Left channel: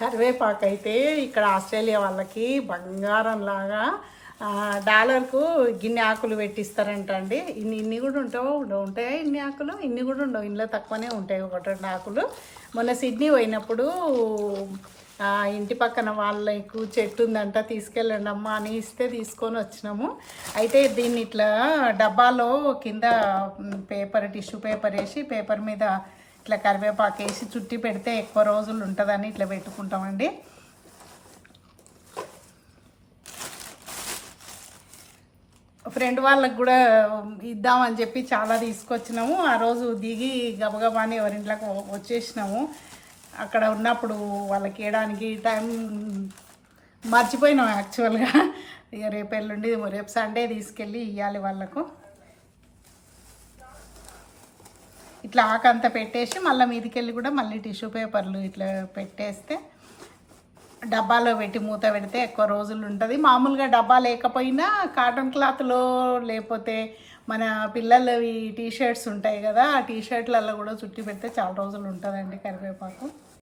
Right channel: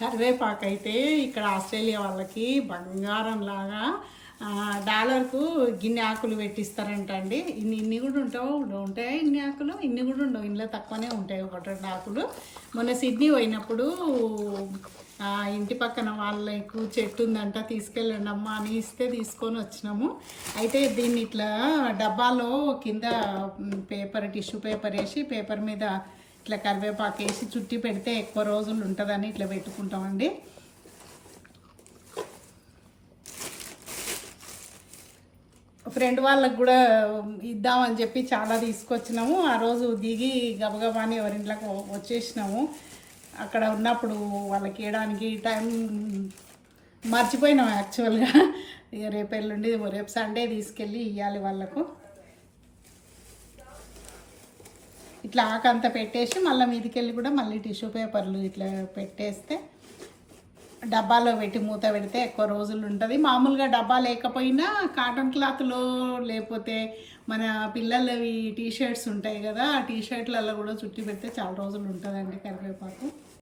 కరివేపాకు అయితే ఇక్కడ ఆస్ట్రేలియా వాళ్ళకి బంగారం లాగా డాలర్కు గిన్నె ఆకులు పెట్టిస్తారంట అండి. ఇన్ని ఇన్ని కూడా ఉంటావు ఉంటాయి ఇన్ని ఆకులు? ఇన్ని కూడా ఉండవు ఇంట్లో తక్కువనే ఉంటాయి ఒకటి రెండు ఆకులు. మొన్న సిడ్నీ పోయినప్పుడు ఇంటి పక్కన వాళ్ళకు చెట్టు ఉందంట తీసుకెళ్ళండి అమ్మా అని ఇస్తే తీసుకొని వచ్చినాము. అయితే దీన్ని ఇట్లా డబ్బాలో కింద పేపర్ టిష్యూ పేపర్ వేసి పేపర్ మీద ఇట్లా కరివేపాకు వేసి చుట్టి పెడితే ఎక్కువ రోజులు ఉంటుందని ఇట్లా పెట్టుకుంటామండి. ఫ్రెండ్ వాళ్ళకి కూడా ఇద్దామని చెప్పి చాలా తీసుకొచ్చినాము. ఆ రోజు దిగి గబగబాని ఎవరింట్లోకి వచ్చేసినాము. అక్కడ ఉన్నప్పుడు వాళ్ళకి ఇవ్వడానికి టైం మర్చిపోయినాం యాక్చువల్గా. ఇక రేపు ఎల్లుండి రేపు సండే తీసుకెళ్ళి ఇవ్వాలి వాళ్ళకు. ఇట్లా ఆకంతా పెట్టేసి మళ్ళీ మీదికెళ్ళి కూడా మళ్ళీ టిష్యూ పేపర్లు ఇట్లా పెట్టేస్తే డబ్బాలో పెట్టి మూత పెడితే ఎక్కువ రోజులు ఉంటుంది. మామూలుగా డబ్బా లేకపోయినా కాటన్ క్లాత్లో లేకపోతే మన పిల్లలవి టీ షర్ట్స్ ఉంటాయి కదా ఆ టీ షర్ట్లలో కూడా చుట్టి పెడితే చాలా రోజులు ఉంటుందండి కరివేపాకు.